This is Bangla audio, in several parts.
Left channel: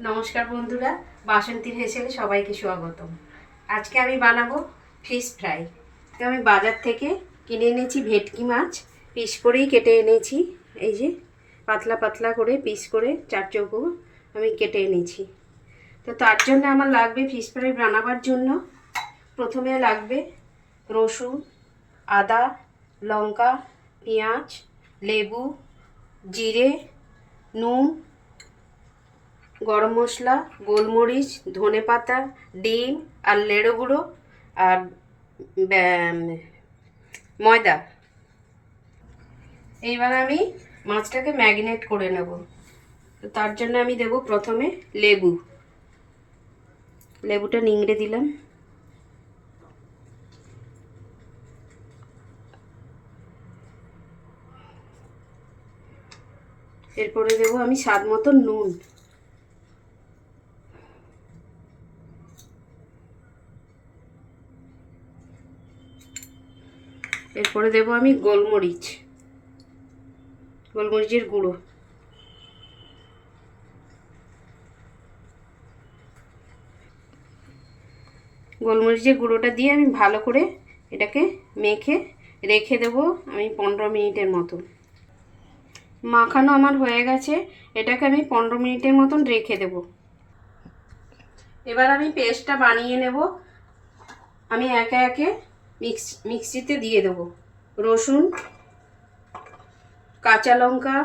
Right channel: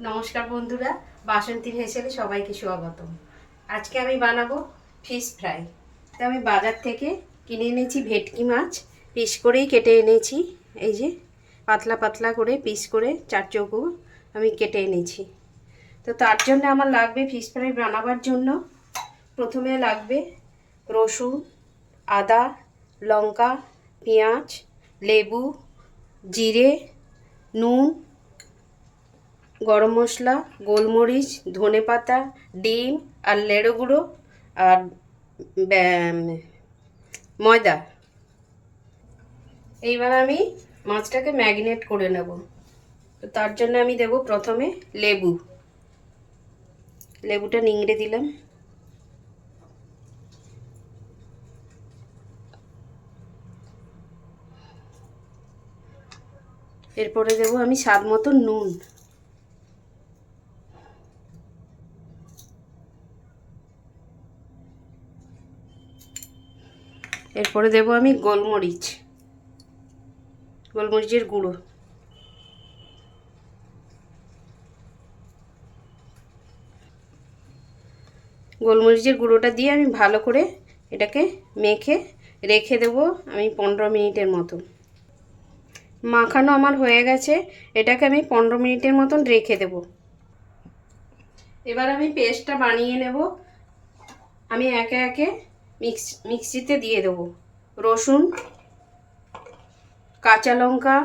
নমস্কার বন্ধুরা, বাসন্তীর হেসেলে সবাইকে স্বাগতম। আজকে আমি বানাবো ফিশ ফ্রাই। তো আমি বাজার থেকে কিনে এনেছি ভেটকি মাছ, পিস করেই কেটে এনেছি। এই যে পাতলা পাতলা করে পিস করে চার চৌকো আমি কেটে এনেছি। তো তার জন্য আমার লাগবে ফিশ ফ্রাই বানাবার জন্য প্রথমে লাগবে রসুন, আদা, লঙ্কা, পেঁয়াজ, লেবু, জিরে, নুন, গরম মশলা, গোলমরিচ, ধনেপাতা, ডিম আর লেড়ো গুঁড়ো আর ময়দা। এইবার আমি মাছটাকে ম্যারিনেট করে নেব। তো তার জন্য আমি দেব প্রথমে লেবুটা নিংড়ে দিলাম। এরপরে দেব আমি স্বাদ মতো নুন। এরপরে দেব আমি গোলমরিচের গুঁড়ো। গোলমরিচের গুঁড়োটা দিয়ে আমি ভালো করে এটাকে মেখে রেখে দেব আমি 15 মিনিটের মতো। মাখানো আমার হয়ে গেছে, এটাকে আমি 15 মিনিটের মতন রেখে দেব। এবার আমি পেস্টটা বানিয়ে নেব। আমি একে একে মিক্সিতে দিয়ে দেব রসুন, কাঁচা লঙ্কা,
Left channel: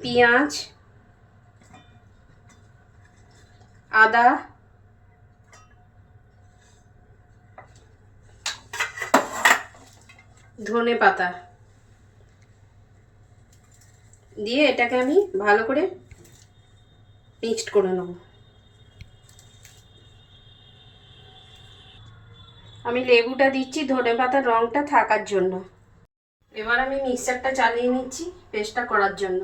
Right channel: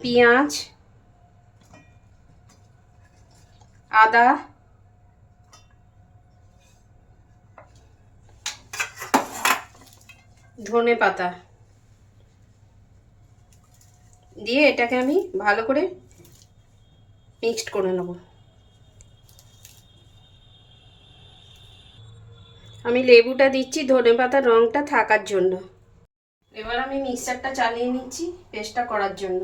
পেঁয়াজ, আদা, ধনেপাতা দিয়ে এটাকে আমি ভালো করে মিক্সড করে নেব। আমি লেবুটা দিচ্ছি ধনেপাতার রঙটা থাকার জন্য। এবার আমি মিক্সারটা চালিয়ে নিচ্ছি পেস্টটা করার জন্য।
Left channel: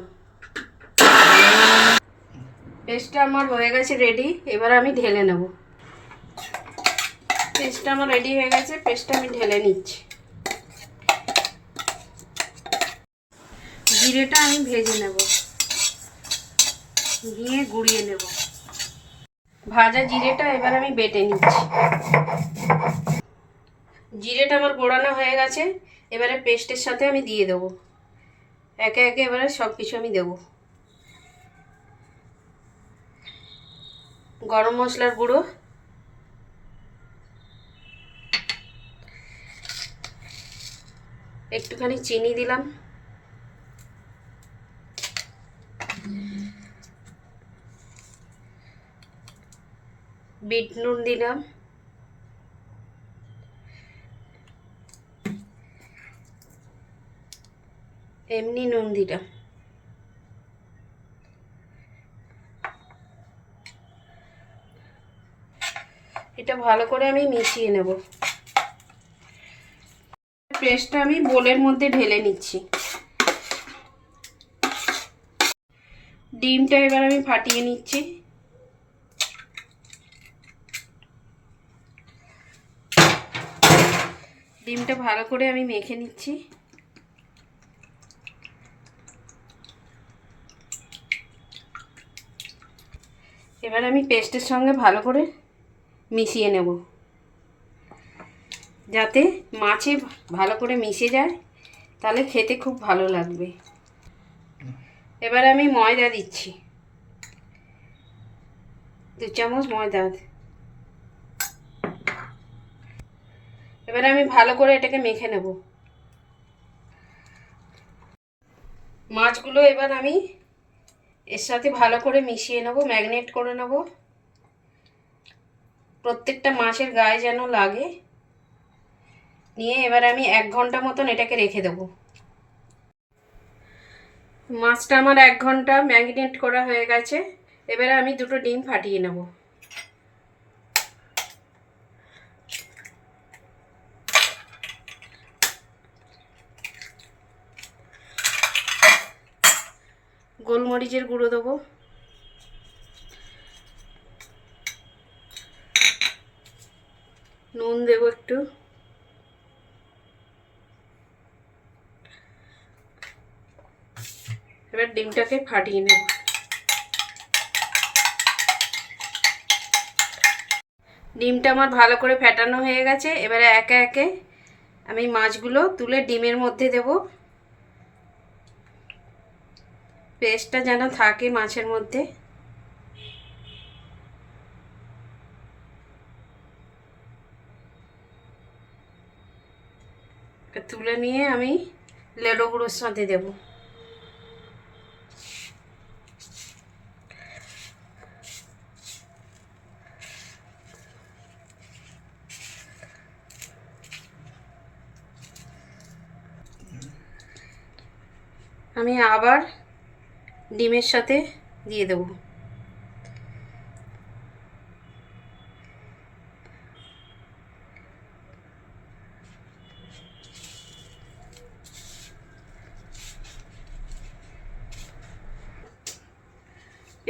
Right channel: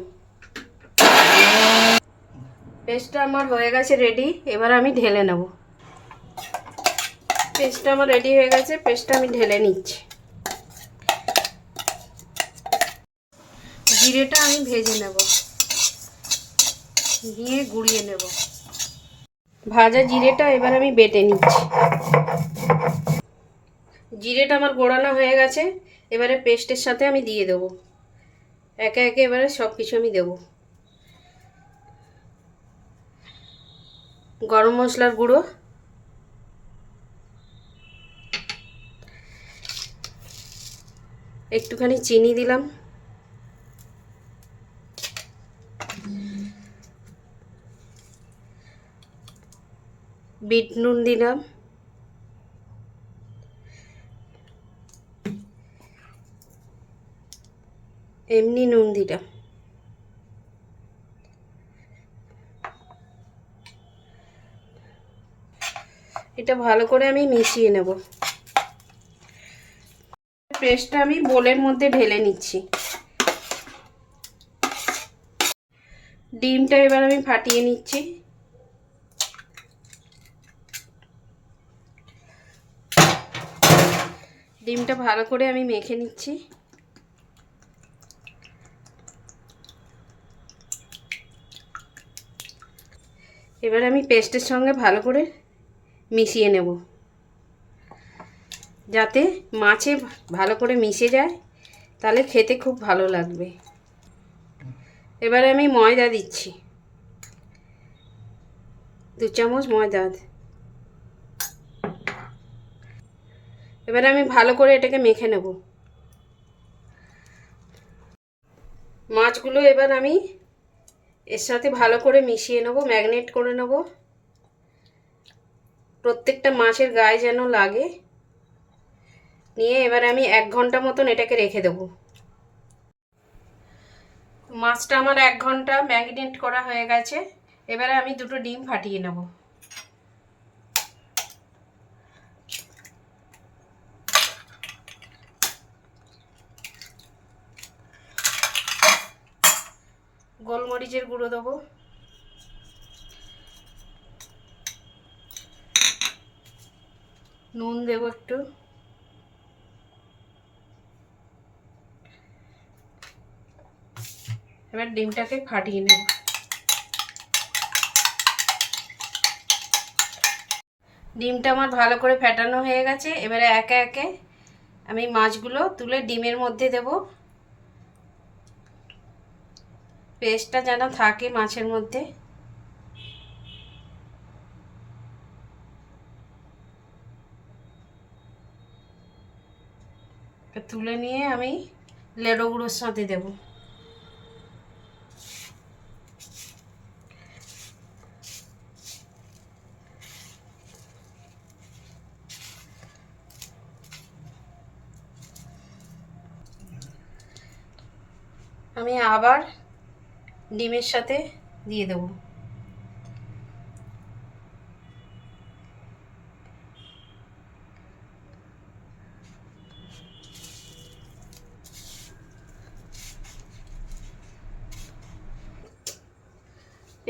পেস্টটা আমার হয়ে গেছে রেডি। এবার আমি ঢেলে নেব। পেস্টটা আমার রেডি হয়ে গেছে, পেস্টটা আমি ঢেলে নিচ্ছি। জিরেটা আমি ভেজে নেব, নিয়ে গুঁড়িয়ে নেব। ভাজা জিরেটা এবার আমি বেটে নিচ্ছি। জিরেটা আমার গোড়ানো হয়ে গেছে, এবারে পেস্টের সাথে আমি দিয়ে দেবো একে একে। এবারে সব কিছু আমি দেবো। গরম মশলার গুঁড়ো, একটুখানি চিনি দিলাম, বিট নুন দিলাম, এমনি নুন দিলাম। এটা ভালো করে আমি মিশিয়ে নেব। পেস্টটা আমি বোলের মধ্যে ঢেলে নিচ্ছি। ডিমটা এবার আমি ফাটিয়ে নিচ্ছি। ডিমটা ভালো করে আমি মেখে নিচ্ছি। এবার আমি পেস্টের সঙ্গে ভালো করে মিশিয়ে নেব, যাতে মাছে ভালো করে মিশে যায়, তাহলে খেতে খুব ভালো লাগবে। এবার আমি ময়দা দিচ্ছি, 2 চামচ ময়দা। এবার আমি ভালো করে এটাকে মেখে নেব। মাছগুলো এবার আমি এর সাথে ভালো করে মিশিয়ে নেব, ম্যারিনেট করে নেব। প্রত্যেকটা মাছের গায়ে যেন লাগে। নিয়ে এবার আমি 1 ঘন্টা মতন এটাকে রেখে দেব। মাছটা আমার 1 ঘন্টা ম্যারিনেট করা হয়ে গেছে। এবারে আমি 2টো ডিম ফাটিয়ে নেব। গোলমরিচের গুঁড়ো দেবো, নুন দেবো একটু, এবার ডিমটাকে ফাটিয়ে নেব। ডিমটা আমার ভালো করে ফেটানো হয়ে গেছে। এবারে একে একে আমি মাছগুলো তুলে ডিমের মধ্যে দেব। পেস্টটা যেন থাকে মাছের মধ্যে। তুলে নিয়ে আমি লেডো গুঁড়োর সাথে দেব। আমি আবার ডিমের সাথে দিয়ে দেব।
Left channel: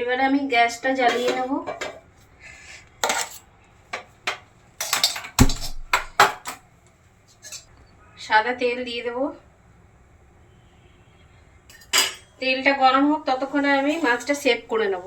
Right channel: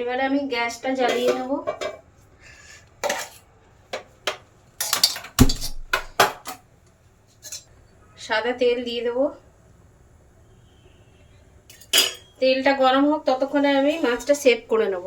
এবারে আমি গ্যাসটা জ্বালিয়ে নেব। সাদা তেল দিয়ে দেব। তেলটা গরম হোক ততক্ষণে আমি মাছটা সেভ করে নেব।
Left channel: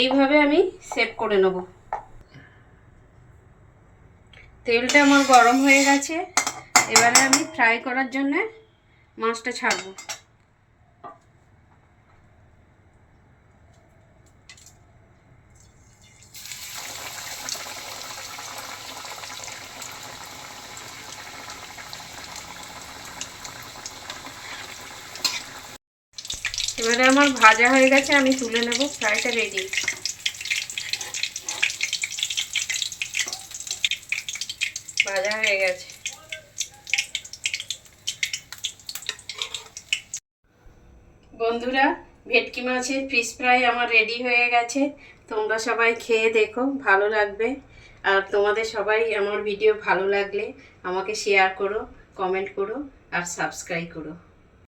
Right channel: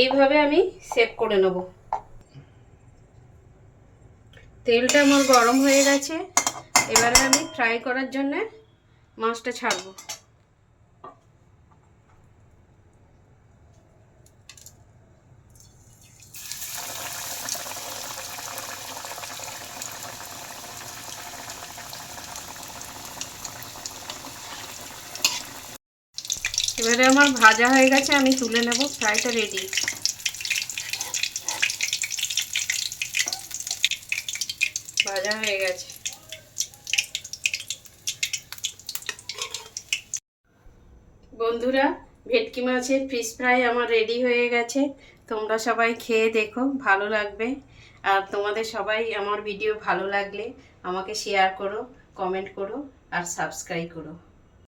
এইভাবে আমি সেভ করে নেব। তেলটা আমার গরম হয়ে গেছে। এবারে আমি ফ্রাই করার জন্য মাছটা ছাড়বো। এবারে আমার ভাজা হয়ে গেছে, আমি তুলে নেব। ফ্রাইটা রেডি। ভাজা হয়ে গেছে। বন্ধুরা, ভেটকি মাছের ফিশ ফ্রাই আমার রেডি হয়ে গেছে। তোমরা সবাই খেয়ে দেখো, ভালো লাগবে। আর তোমাদের সবাই আমার ভিডিও ভালো লাগলে আমাকে শেয়ার করো, কমেন্ট করো আর সাবস্ক্রাইব করো।